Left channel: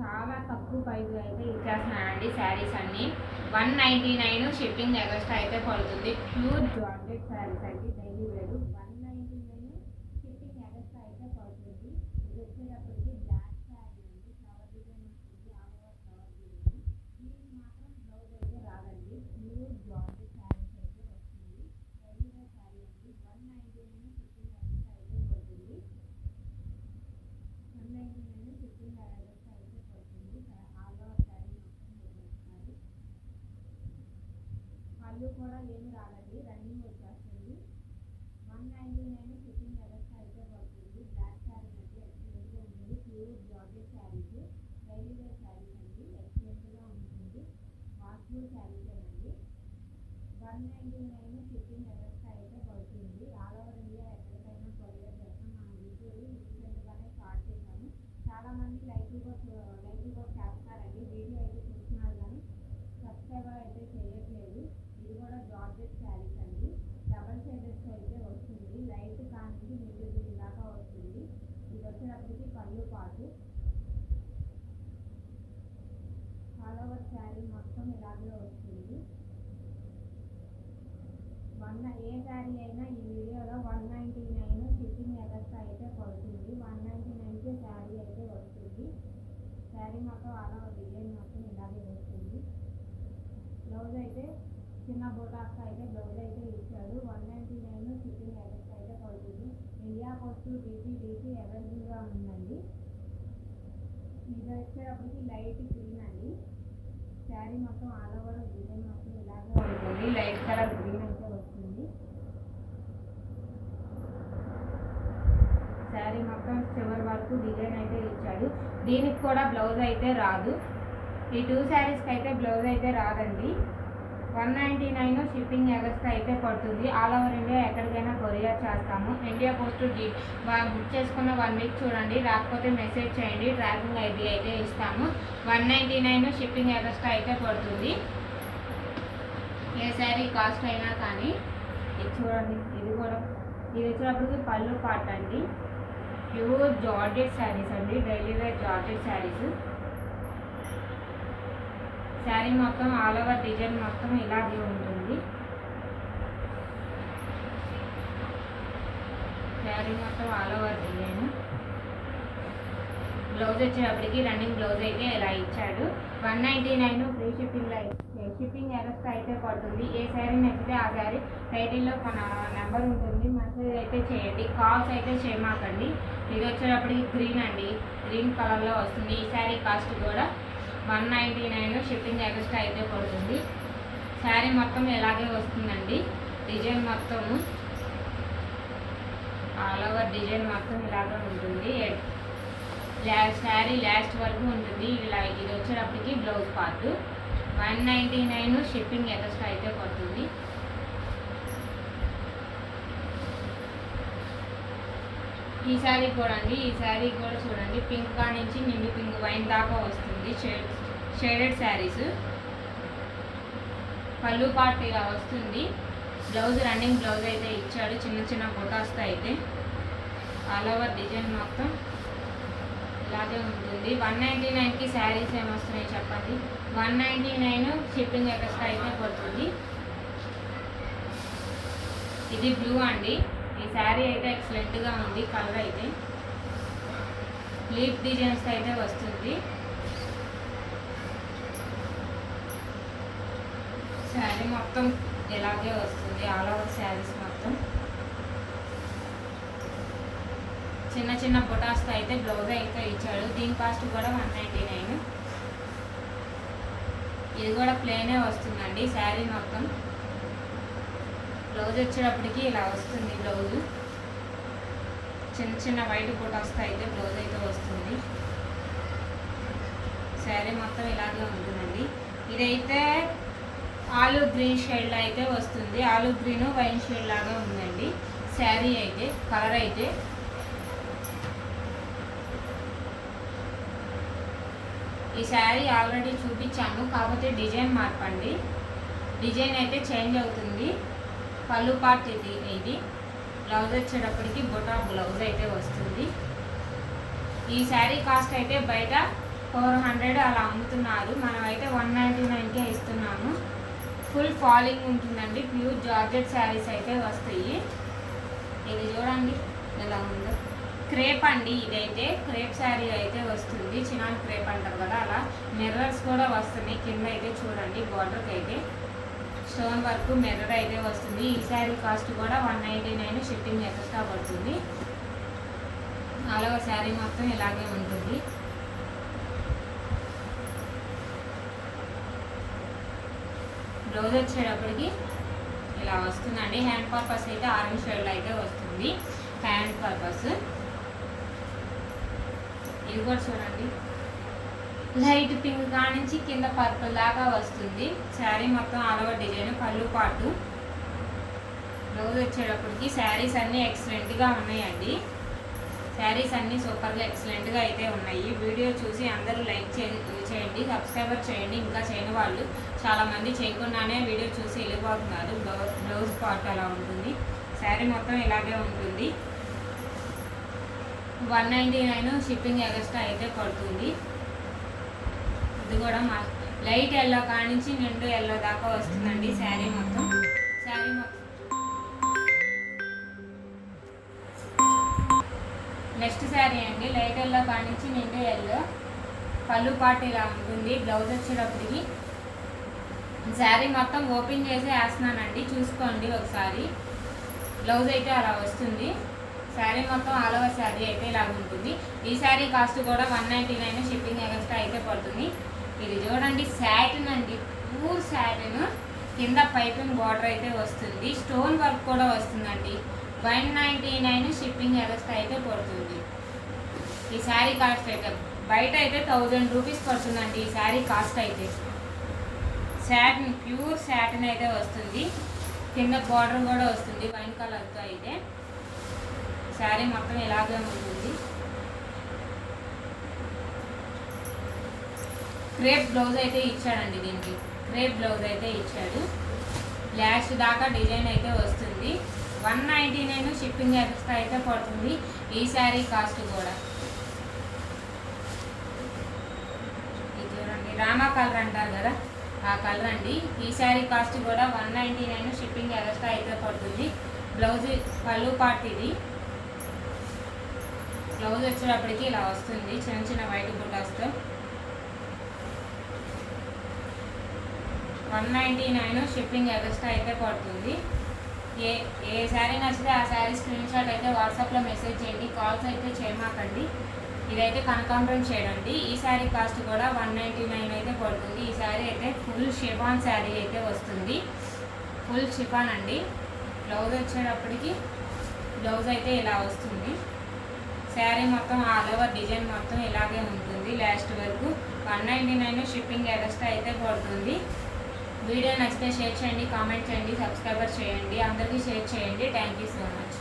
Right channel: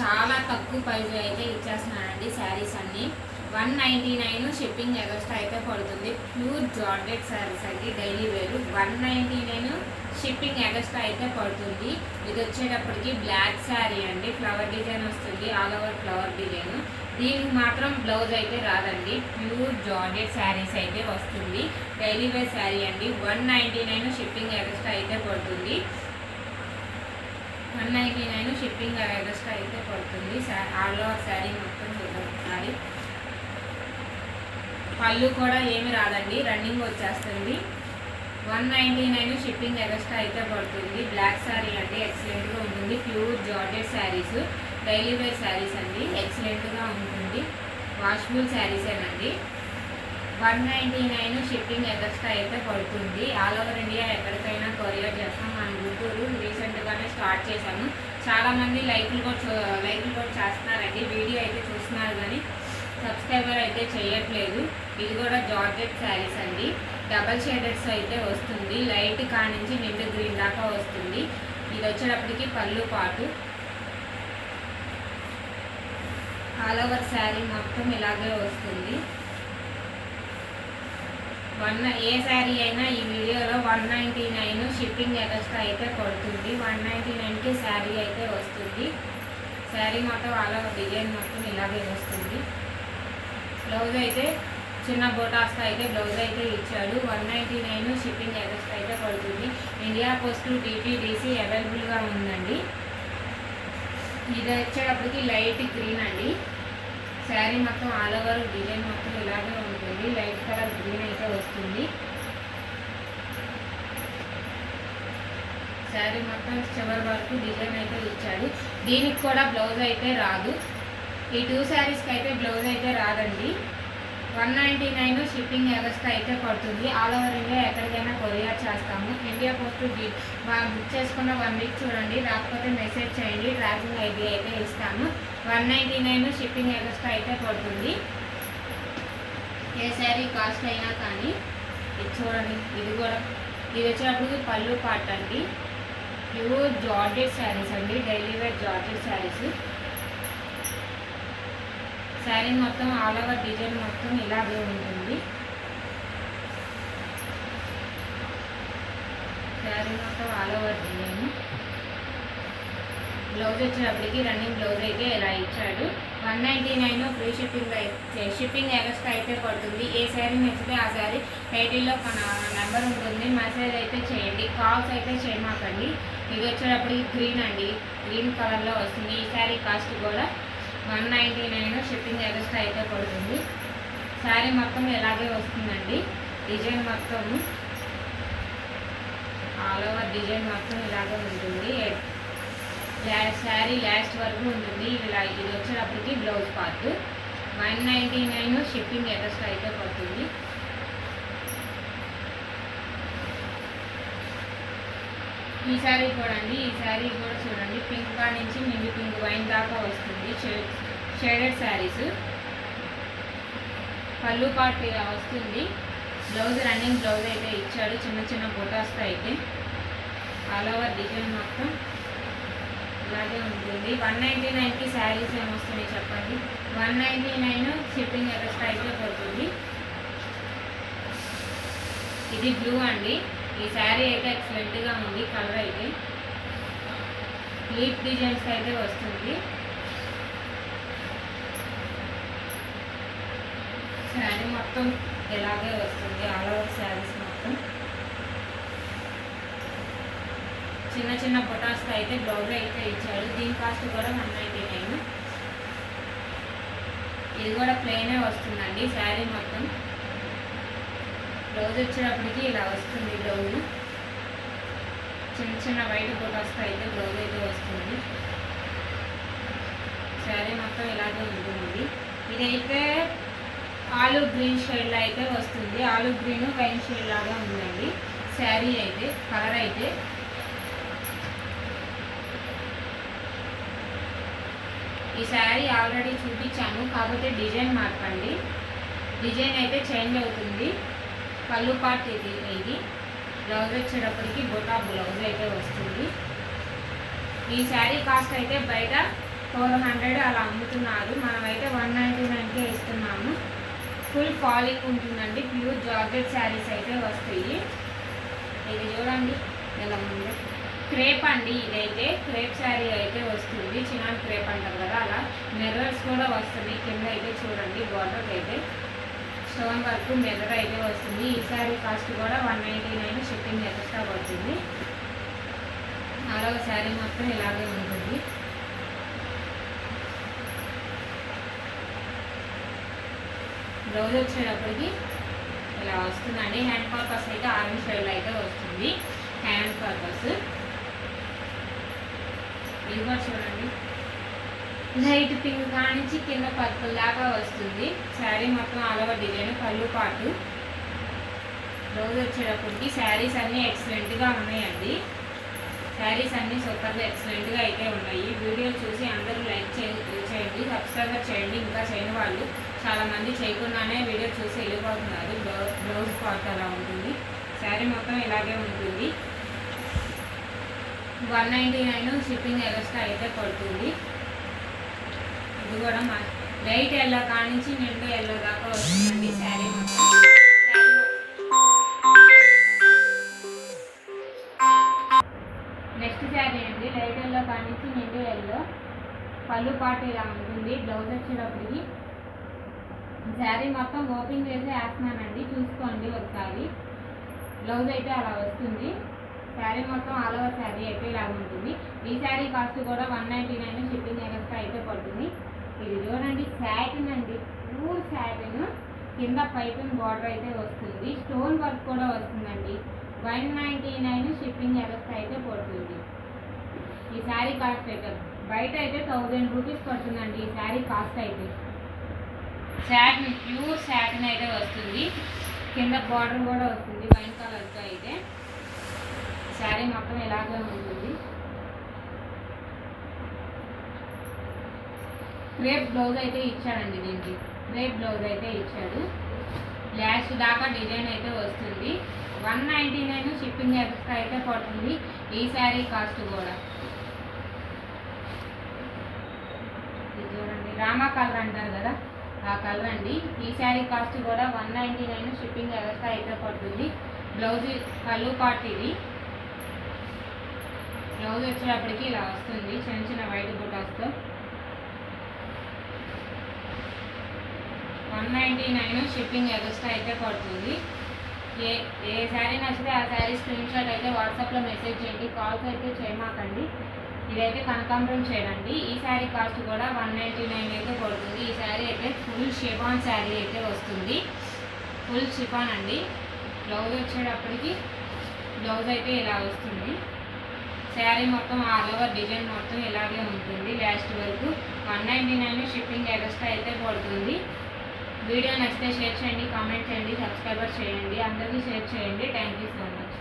చాలా తక్కువ ప్రైస్ అయితే ఇచ్చేస్తున్నానండి శారీస్ అన్నీ. 199 షిప్పింగ్ ఎక్స్ట్రా అయితే పడుతుంది. ప్యూర్ జార్జెట్ శారీస్ అండి, డైలీ వేరు. 199 షిప్పింగ్ ఎక్స్ట్రా అయితే పడుతుంది. ఇది వచ్చేటప్పటికి బ్లాక్ శారీ అండి, ఫ్లవర్ డిజైన్ వస్తుంది, ఆల్ ఓవర్ ఫ్లవర్ డిజైన్. దీనికి మాత్రం బ్లౌజ్ అయితే రాదండి. ప్యూర్ జార్జెట్ శారీస్ అయితే వస్తుంది. డైలీ వేర్ శారీ అండి. 199 షిప్పింగ్ ఎక్స్ట్రా అయితే పడుతుంది. 199 షిప్పింగ్ ఎక్స్ట్రా అయితే పడుతుంది. ఆల్ ఓవర్ శారీ మొత్తం చూడాలి. పళ్ళు కూడా ఏమి రాదండి, రన్నింగ్ వచ్చేస్తుంది. 199 షిప్పింగ్ ఎక్స్ట్రా అయితే పడుతుంది. బ్లాక్ శారీ అండి, ఎక్సలెంట్గా ఉంటుంది. Pure georgette saris, daily wear saris అండి, ఎక్సలెంట్గా ఉంటుంది. వాషబుల్ శారీసేనండి. 199 షిప్పింగ్ ఎక్స్ట్రా అయితే పడుతుంది. ఆల్ ఓవర్ ఇండియా ఎక్కడికైనా కొరియర్ చేస్తాం. మన గుంటూరు రీసెంట్గానే స్టార్ట్ చేశాము. చాలామంది లైకులు కూడా చేస్తున్నారండి. వీడియో అయితే చూస్తున్నారు కానీ సబ్స్క్రైబర్ అయితే చేయట్లేదు. ఇది కూడా జార్జెట్ శారీస్ అండి. డబల్ షేడెడ్స్ అయితే వస్తుంది. లైట్ కానించి నిండు గ్రీన్ దాకా వస్తుంది. ఇది వచ్చేటప్పటికి పళ్ళు పాటు. ఆల్ ఓవర్ శారీ మొత్తం ఇలాగే వస్తుంది. ఏ శారీ అయినా ఈ వీడియోలో 199 షిప్పింగ్ ఎక్స్ట్రా అయితే పడుతుంది. 199కి శారీ అయితే వస్తుంది. శారీ మొత్తం ఆల్ ఓవర్ డిజైన్ మొత్తం ఇలాగే వస్తుంది. బ్లౌజ్ అయితే చిన్న బోటాస్తో అయితే బ్లౌజ్ అయితే ఇచ్చాడు. 199 షిప్పింగ్ ఎక్స్ట్రా అయితే పడుతుంది. ఇండియా పోస్ట్ DTDC అవైలబుల్గా ఉందండి. ఇది వచ్చేటప్పటికి లైట్ గ్రీన్ అండి. శారీ మొత్తం ఆల్ ఓవర్ డిజైన్ మొత్తం ఇలాగే ఉంటుంది. లైట్ కలర్ గ్రీన్ అయితే వస్తుంది. శారీ మొత్తం చివరి వరకు డిజైన్ అయితే ఇచ్చాడు. దీనికి కూడా బ్లౌజ్ అయితే రాదు. ఈ 2 శారీస్కి అయితే బ్లౌజ్ అయితే రాదండి. 199 షిప్పింగ్ ఎక్స్ట్రా అయితే పడుతుంది. ఆల్ ఓవర్ ఇండియా ఎక్కడికైనా కొరియర్ చేస్తాము. ఇండియా పోస్ట్ బుక్ చేసుకున్న 1 వీక్ చూడండి, రాకపోతే మెసేజ్ చేయండి, ట్రాకింగ్ ఐడి అయితే ఇస్తాము. 199 షిప్పింగ్ ఎక్స్ట్రా అయితే పడుతుంది. ఏ శారీ కాస్ట్ అయినా కానీ. ఇది చూడండి, ఇది వచ్చినప్పుడు పళ్ళు పార్ట్ అండి. ప్యూర్ జార్జెట్ శారీస్ అండి, daily wear georgette saris. Sari మొత్తం ఆల్ ఓవర్ డిజైన్ మొత్తం ఇలాగే ఉంటుంది. శారీ మొత్తం ఆల్ ఓవర్ డిజైన్. బ్లౌజ్ వచ్చేటప్పటికి రన్నింగ్ బ్లౌజ్ అయితే ఇలా ఇచ్చాడు. 199 ఫ్రీ షిప్పింగ్ ఎక్స్ట్రా అయితే పడుతుంది. ఏ శారీ నచ్చితే ఆ శారీ టైటిల్లో ఒక నెంబర్ ఉంటుంది, మెసేజ్ అయితే చేయండి. కాల్స్ అయితే చేయమాకండి. ఇది వచ్చేటప్పటికి గ్రీన్ అండి, గ్రీన్ కలర్లో వస్తుంది. ఈ శారీ కాస్ట్ కూడా 199 షిప్పింగ్ ఎక్స్ట్రా అయితే పడుతుంది. శారీ మొత్తం ఇలాగే వస్తుందండి. డిజైన్ మొత్తము ఆల్ ఓవర్ డిజైన్ మొత్తం ఇలాగే ఉంటుంది. శారీ లాస్ట్ వరకు ఉంటుంది. ఇది వచ్చేటప్పటికి బ్లౌజ్ పార్ట్. 199 షిప్పింగ్ ఎక్స్ట్రా అయితే పడుతుంది. ఈ శారీ చూడండి, ఈ శారీ కూడా చూడండి, పింక్ కా నుంచి నిండు పింక్ వైన్ దాకా వస్తుంది. షేడెడ్ శారీస్. పళ్ళు పార్ట్ ఇలా వస్తుంది. బ్లౌజ్ రన్నింగ్ బ్లౌజ్ అయితే ఇచ్చాడు, చిన్న చిన్న బొటాస్తో అయితే. ఆల్ ఓవర్ డిజైన్ మొత్తం ఇలాగే ఉంటుంది. 199కి శారీస్ ఏమొస్తున్నాయి చెప్పండి. 199 షిప్పింగ్ ఎక్స్ట్రా అయితే పడుతుంది. ఇది బ్లూ అండి. ఈ శారీ అయితే ఎక్సలెంట్గా ఉంది. కలర్ అయితే లీఫ్ డిజైన్స్ అయితే వస్తుంది. శారీ మొత్తం ఇలాగే వస్తుంది. ఆల్ ఓవర్ శారీస్ మొత్తం చిన్న చిన్న బొటాస్తో అయితే బ్లౌజ్ అయితే ఇచ్చాడు. దీని కాస్ట్ కూడా 199. ఇది కూడా ప్లెయినే వస్తుందండి. శారీ మొత్తం బ్లౌజ్ వచ్చేటప్పటికి ఇలా వస్తుంది. బ్లౌజ్ చిన్న చిన్న వైట్ బొటాస్తో అయితే బ్లౌజ్ అయితే వస్తుంది. శారీ మొత్తం ఇలాగే ఉంటుంది. ఇదైతే ఆలివ్ గ్రీన్ షేడ్లో అయితే వస్తుంది. ఆలివ్ గ్రీన్ వైన్ షేడ్ లాగా ఉందండి శారీ అయితే. కలర్ అయితే ఈ శారీ ఆల్రెడీ చూపించాను, కాకపోతే డిజైన్ మార్పండి. డిజైన్ అయితే చేంజ్ అవుతుంది. పళ్ళు పార్ట్ ఇది. బ్లౌజ్ వచ్చేటప్పటికి బొటా బ్లౌజ్ అయితే వస్తుంది. ఈ శారీ కాస్ట్ అయితే బయట 400 అలా అమ్ముతున్నారు. మనమైతే 199కే ఇస్తున్నాము. ఫుల్ ఫాలింగ్ ఉంటుందండి. ప్యూర్ జార్జెట్ శారీస్ అయితే వస్తాయి. ఇది చూడండి ఎలా ఉందో. క్రేప్ అండి, ఇదైతే క్రేప్ శారీ అయితే వస్తుంది. చిన్న క్రేప్ అంటారు కదా, అలా మిర్రర్స్ కూడా వస్తుంది. కింద అయితే చూడండి బార్డర్కి అయితే స్టోన్ వర్క్ మిర్రర్ అయితే వస్తుంది. ఈ శారీ కాస్ట్ కూడా 199 షిప్పింగ్ ఎక్స్ట్రా పడుతుంది. అలాగ శారీ మొత్తం ఇలాగే ఉంటుంది. బ్లౌజ్ వచ్చేటప్పటికి ఇలా వస్తుందండి. హ్యాండ్ పర్పస్ అయితే ఆరెంజ్ షేడ్లో అయితే వస్తుంది. హ్యాండ్ పర్పస్ ఇది కూడా చూడండి, లైట్ పింక్ కానించి కింద పర్పుల్ దాకా వస్తుంది. శారీ మొత్తం ఆల్ ఓవర్ డిజైన్. పళ్ళు పాటు బ్లౌజ్ వచ్చేటప్పటికి శారీస్ అన్నీ ఎక్సలెంట్గా ఉన్నాయండి. శారీస్ అన్నీ సూపర్గా ఎక్సలెంట్గా అయితే ఉన్నాయి. వీడియో చూసి అందరూ లైక్ చేయండి, సబ్స్క్రైబర్ చేయండి. ఇంకా చేయని వాళ్ళు చాలామంది చేయకుండానే వీడియో చూసి వెళ్ళిపోతున్నారు. బ్లౌజ్ పార్ట్ అలా ఉంటుంది. శారీ మొత్తం ఇలాగే ఉంటుంది. 199 షిప్పింగ్ ఎక్స్ట్రా అయితే పడుతుంది. ఇది కూడా లైట్ ఎల్లో కానించి నిండు ఎల్లో దాకా వస్తుందండి శారీ మొత్తం. నెక్స్ట్ శారీ అండి, లైట్ ఎల్లో కానించి నిండు ఎల్లో. పళ్ళు పాటు ఇలా ఉంటుంది. బ్లౌజ్ వచ్చేటప్పటికి శారీ మొత్తం ఓపెన్ చేసి వేస్తున్నానండి, చూసుకోండి ఒకసారి. బ్లౌజ్ అయితే అలా వస్తుంది. శారీ మొత్తం ఆల్ ఓవర్ శారీ అయితే ఇలా ఉంటుంది. ఈ శారీ కాస్ట్ కూడా 199 షిప్పింగ్ ఎక్స్ట్రా అయితే పడుతుంది. ఇది చూడండి శాటిన్ అండి, ప్యూర్ శాటిన్. కింద పైపింగ్ బార్డర్ అయితే వస్తుంది. స్టోన్ వర్క్ కూడా వస్తుందండి. 199 షిప్పింగ్ ఎక్స్ట్రా అయితే పడుతుంది. ఈ శారీ కాస్ట్ అయితే బయట అయితే 1000 రూపీస్ పడుతుందండి. ఈ శారీ కాస్ట్ అయితే శాటిన్, ప్యూర్ శాటిన్ అయితే వస్తుంది. కింద బార్డర్ కూడా వస్తుంది వైన్ కలర్తో అయితే. శారీ మొత్తం ఇలాగే ఉంటుంది. క్రేప్ బ్లౌజ్ అయితే ఇచ్చాడండి. దీనికి క్రేప్ బ్లౌజ్ అయితే ఇచ్చాడు. లాస్ట్ దాకా డిజైన్ అయితే వస్తుంది. 199 షిప్పింగ్ ఎక్స్ట్రా అయితే పడుతుంది. ఈ శారీ కాస్ట్ కూడా ఇది చూడండి, రామా కలర్ అంటారు కదా, ఆ కలర్ అండి. ఈ శారీ కాస్ట్ కూడా 199 షిప్పింగ్ ఎక్స్ట్రా అయితే పడుతుంది. బ్లౌజ్ పళ్ళు పార్ట్ ఇది. బ్లౌజ్ వచ్చేటప్పటికి ఇలా వస్తుంది, చిన్న చిన్న వైట్ బుటాస్తో. 199 షిప్పింగ్ ఎక్స్ట్రా అయితే పడుతుంది. ఏ శారీ నచ్చితే ఆ శారీ స్క్రీన్ షాట్ అయితే వాట్సాప్లో మెసేజ్ చేయండి. కాల్స్ అయితే చేయమాకండి. ఇదైతే కనకాంబరం చేయడండి. ఈ శారీ కాస్ట్ కూడా 199 అయితే పడుతుంది. ఈ శారీ అయితే ఫుల్ షిఫాన్ శారీ అయితే వస్తుంది. ఫుల్ షిఫాన్ అండి. బ్లౌజ్ వచ్చేటప్పటికి బ్లౌజ్ అయితే ఇలా వస్తుంది. శారీ మొత్తం ఆల్ ఓవర్ డిజైన్ మొత్తం ఇలాగే ఉంటుంది లాస్ట్ వరకు. 199 షిప్పింగ్ ఎక్స్ట్రా అయితే పడుతుంది. వీడియో నచ్చితే షేర్ చేయండి, కామెంట్ చేయండి, సబ్స్క్రైబర్ చేయండి. అందరికీ షేర్ చేయండి. Thank you so much.